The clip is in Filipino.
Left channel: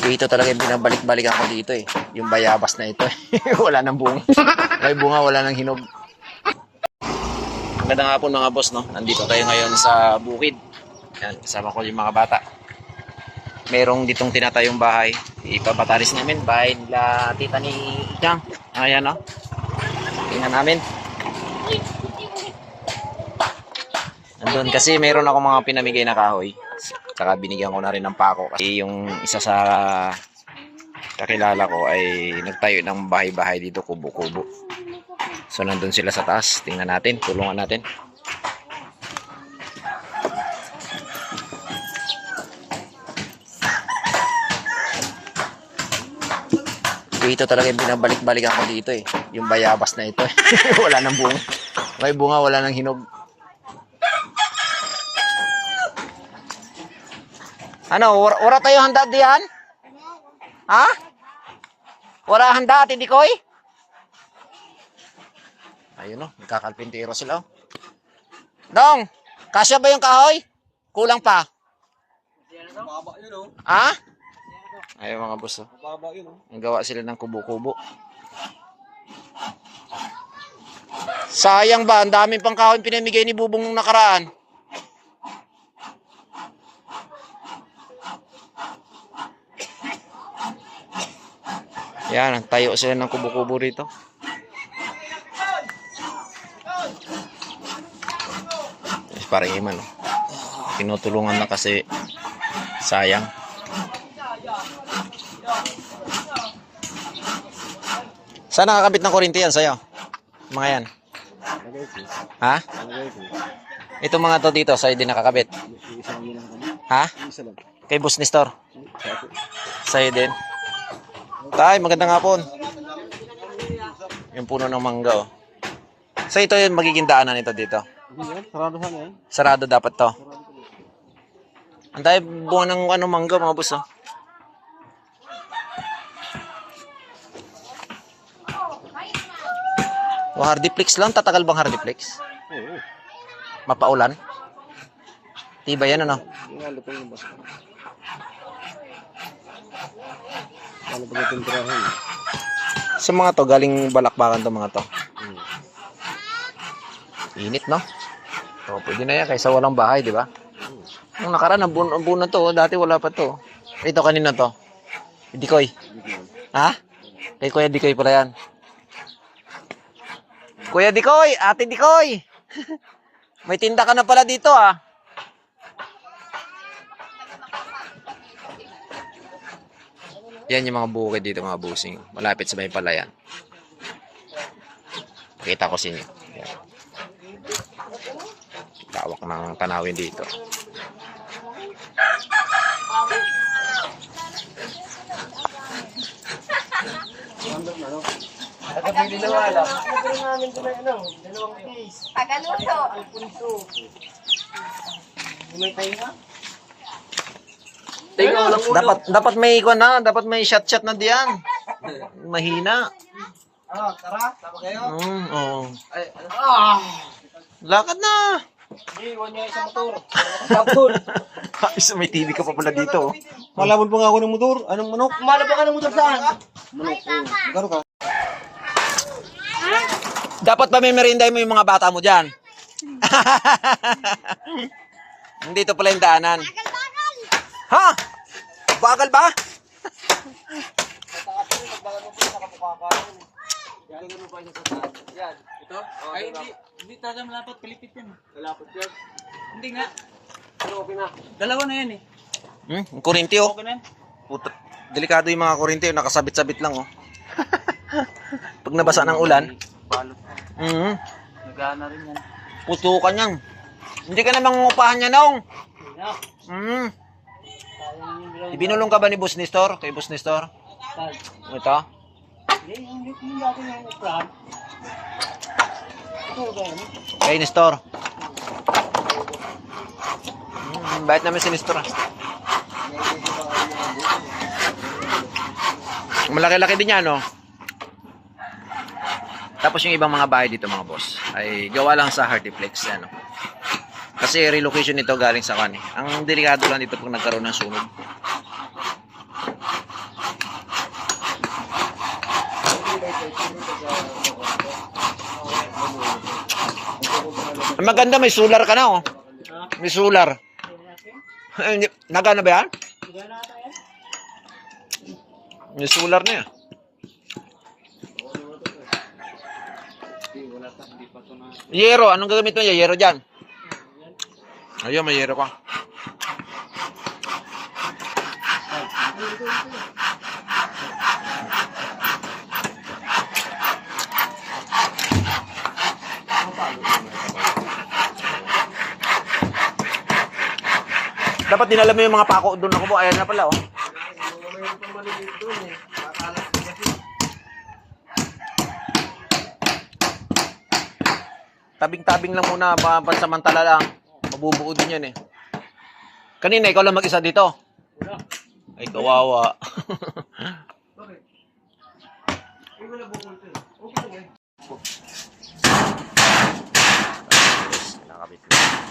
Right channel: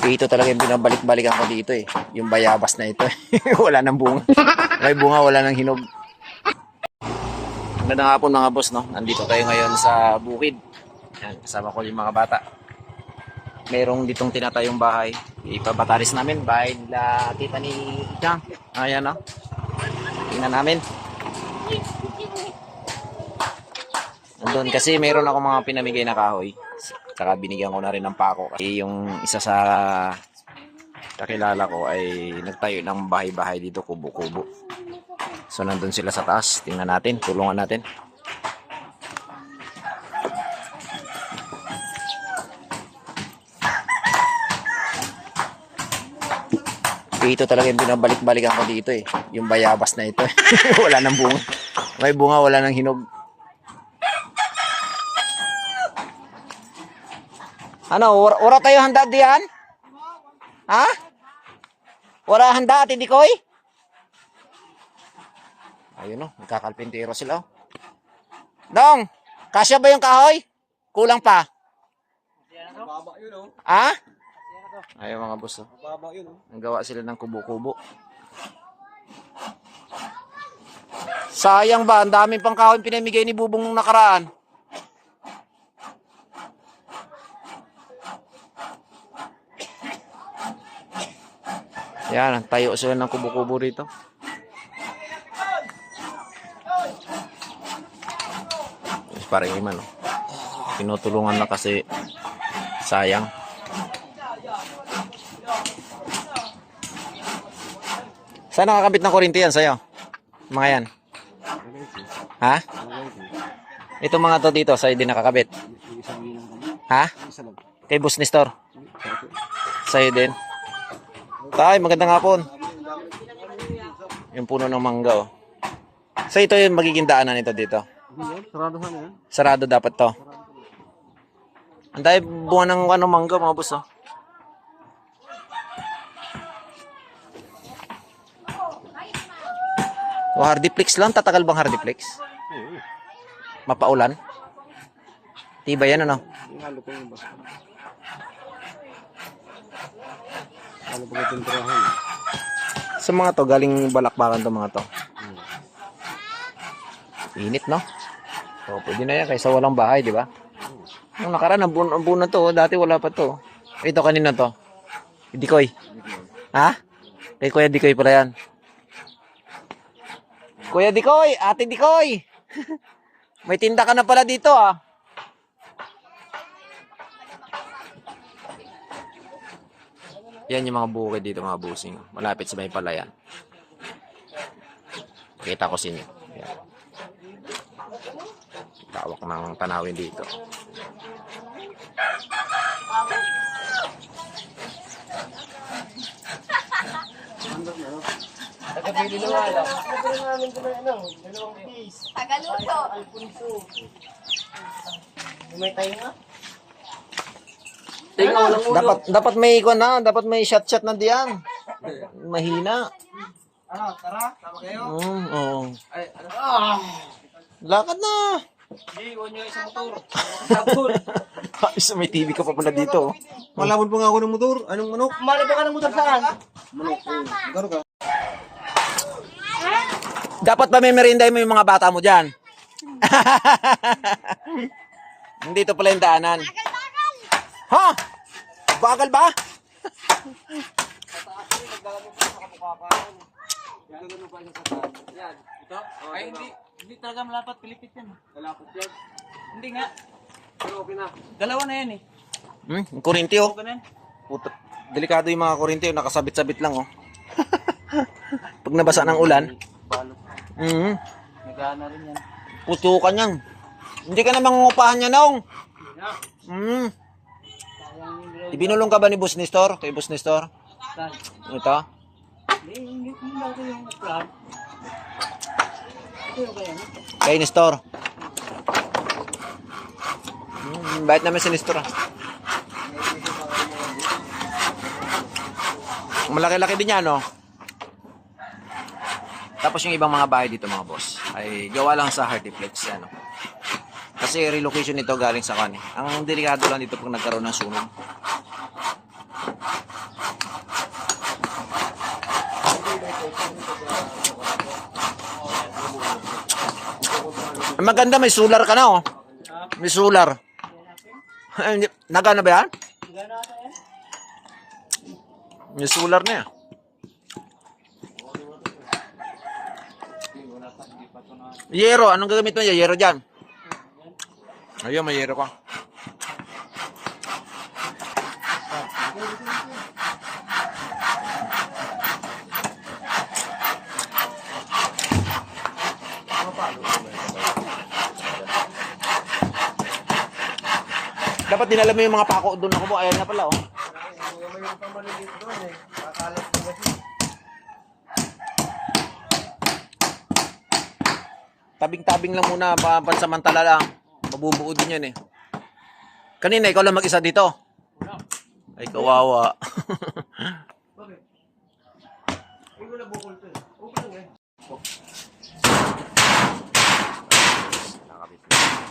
Ito talaga yung binabalik-balikan ko dito eh. Yung bayabas na ito. Wala nang bunga. May bunga, wala nang hinog. Magandang hapon mga boss, no? Nandito tayo ngayon sa bukid. Yan, kasama ko yung mga bata. Merong ditong tinatayong bahay. Ipabataris namin. Bahay nila tita ni Chang. Ayan, no? Tingnan namin. Nandun kasi meron ako mga pinamigay na kahoy. Saka binigyan ko na rin ng pako. Kasi yung isa sa kakilala ko ay nagtayo ng bahay-bahay dito, kubo-kubo. So nandun sila sa taas. Tingnan natin, tulungan natin. Ito talaga yung binabalik-balikan ko dito eh. Yung bayabas na ito. Wala nang bunga. May bunga, wala nang hinog. Ano, wala tayo handa diyan? Ha? Wala handa, Ate Dikoy? Ayun o, nagkakalpintero sila o. Dong, kasya ba yung kahoy? Kulang pa. Mababa yun, oh. Ha? Ayun mga boss o. Mababa yun, oh. Nagawa sila ng kubo-kubo. Sayang ba, ang daming pang kahoy pinamigay ni Bubong nung nakaraan. Yan, tayo sila ng kubo-kubo rito. Parang iman, no? Tinutulungan na kasi sayang. Saan nakakabit ng kuryente yan sa'yo? Mga yan. Ha? Ito mga to dito, sa'yo din nakakabit. Ha? Kay Boss Nestor. Sa'yo din. Tay, magandang hapon. Yung puno ng mangga, oh. So ito yung magiging daanan nito dito. Sarado sana yan. Sarado dapat to. Ang dahil bunga ng mangga mga boss, oh. O hardiplex lang, tatagal bang hardiplex? Oo. Mapaulan? Tiba yan ano? Lalo pa yung basta. Lalo pa yung tintirahan. Sa mga to, galing balakbakan to mga to. Init, no? So, pwede na yan kaysa walang bahay, di ba? Nung nakaraan, ang buo na to. Dati wala pa to. Ito, kanina to. Dikoy. Ha? Kay Kuya Dikoy pala yan. Kuya Dikoy! Ate Dikoy! May tinda ka na pala dito, ah. Yan yung mga bukid dito, mga busing. Malapit sa may palayan. Pakita ko sa inyo. Yan. Tawak ng tanawin dito. Nakapili na wala. Nakapili namin ito na dalawang case. Tagaluto. Alfonso. May tayo nga? Dapat may ikon na, dapat may shot na diyan. Mahina. Ano, tara, tama kayo? Oo. Ay, ano? Lakad na. Hindi, iwan nyo isang motor. Motor. Isa may TV ka pa pala dito. Malabon pa nga ako ng motor. Anong manok? Malabon ka ng motor saan? Manok. Garo ka. Dapat ba may merinday mo yung mga bata mo dyan? Dito pala yung daanan. Ha? Bagal ba? Yan, ito? Ay, hindi talaga malapat. Pilipit yan. Malapot yan. Hindi nga. Pero okay na. Dalawa na yan eh. Ang kurinti, oh. Okay na yan. Puta, delikado yung mga kurinti, oh. Nakasabit-sabit lang, oh. Pag nabasa ng ulan. Balot. Nagana rin yan. Putukan yan. Hindi ka na mangungupahan yan, Nong. Ibinulong ka ba ni Boss Nestor? Kay Boss Nestor? Ito? Yung dati yung uplahan. Ito ba yun? Kay Nestor. Bakit naman si Nestor, ah? Malaki-laki din yan, no? Tapos yung ibang mga bahay dito, mga boss, ay gawa lang sa Hardiplex, ano. Kasi relocation nito galing sa kan eh. Ang delikado lang dito pag nagkaroon ng sunog. Maganda, may solar ka na, oh. May solar. Nagana ba yan? May solar na yan. Yero, anong gagamit mo? Yero dyan. Ayun, may yero ka. Dapat dinala mo yung mga pako doon ako po. Ayan na pala, oh. Tabing-tabing lang muna, pansamantala lang. Mabubuo din yan eh. Kanina, ikaw lang mag-isa dito. Ay, kawawa. Bakit? Ay, wala bukol to. Okay lang eh. Nakakabit na.